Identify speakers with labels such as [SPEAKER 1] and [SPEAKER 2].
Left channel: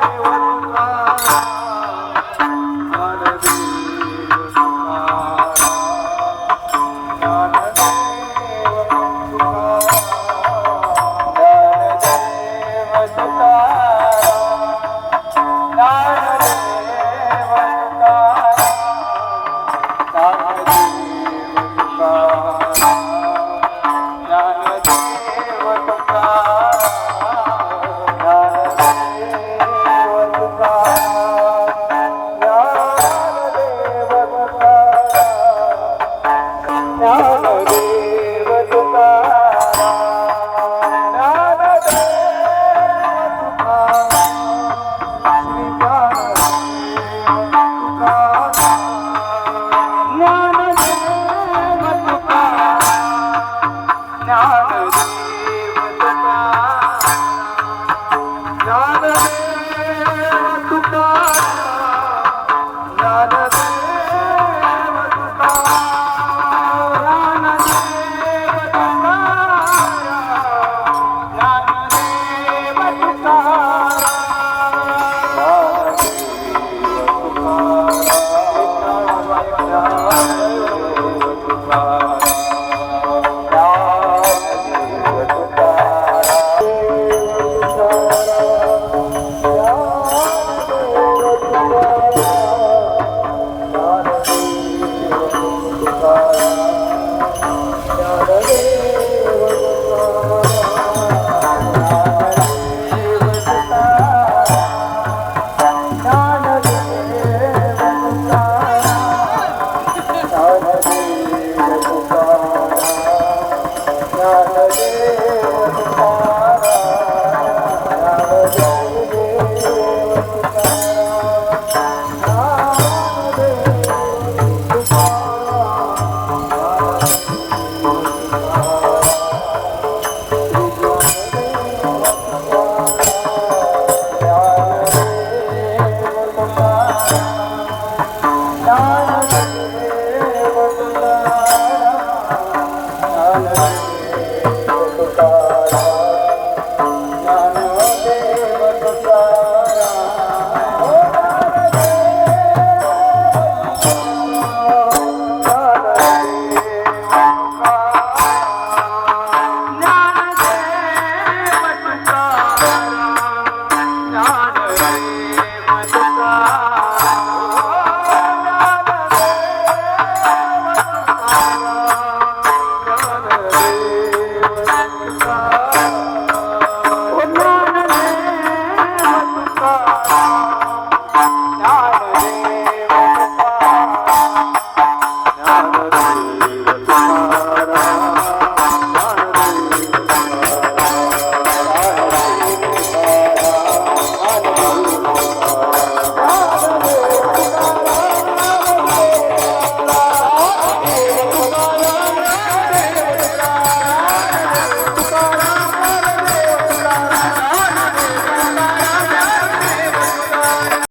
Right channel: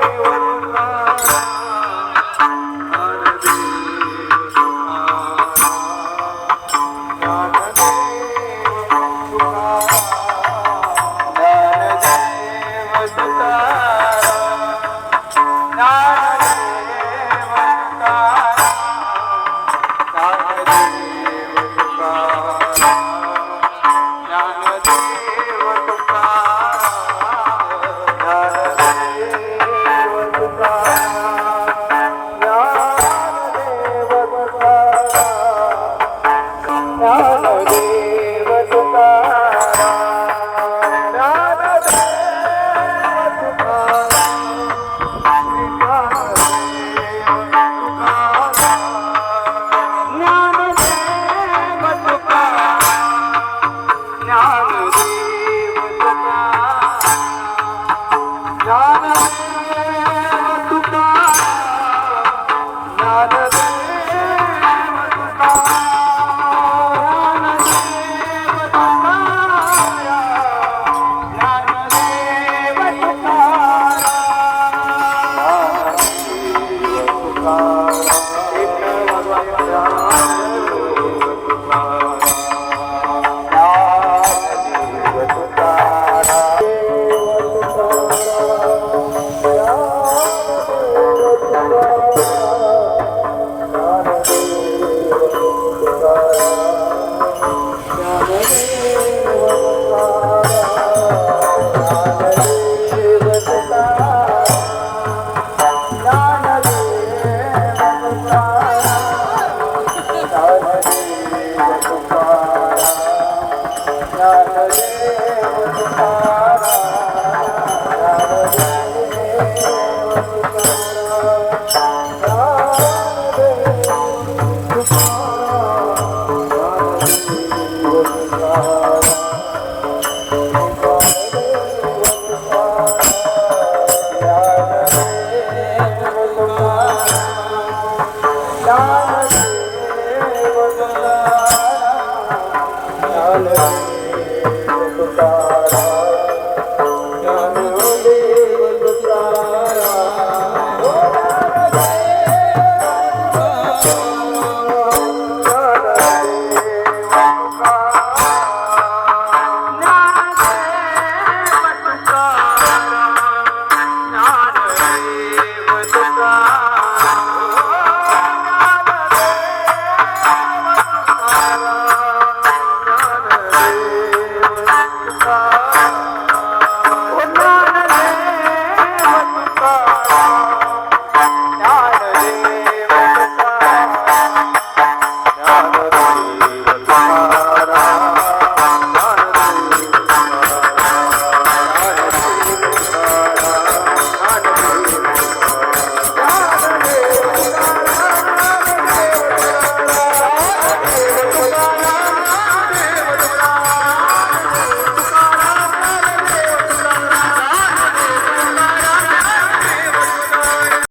[SPEAKER 1] Allah. Oh.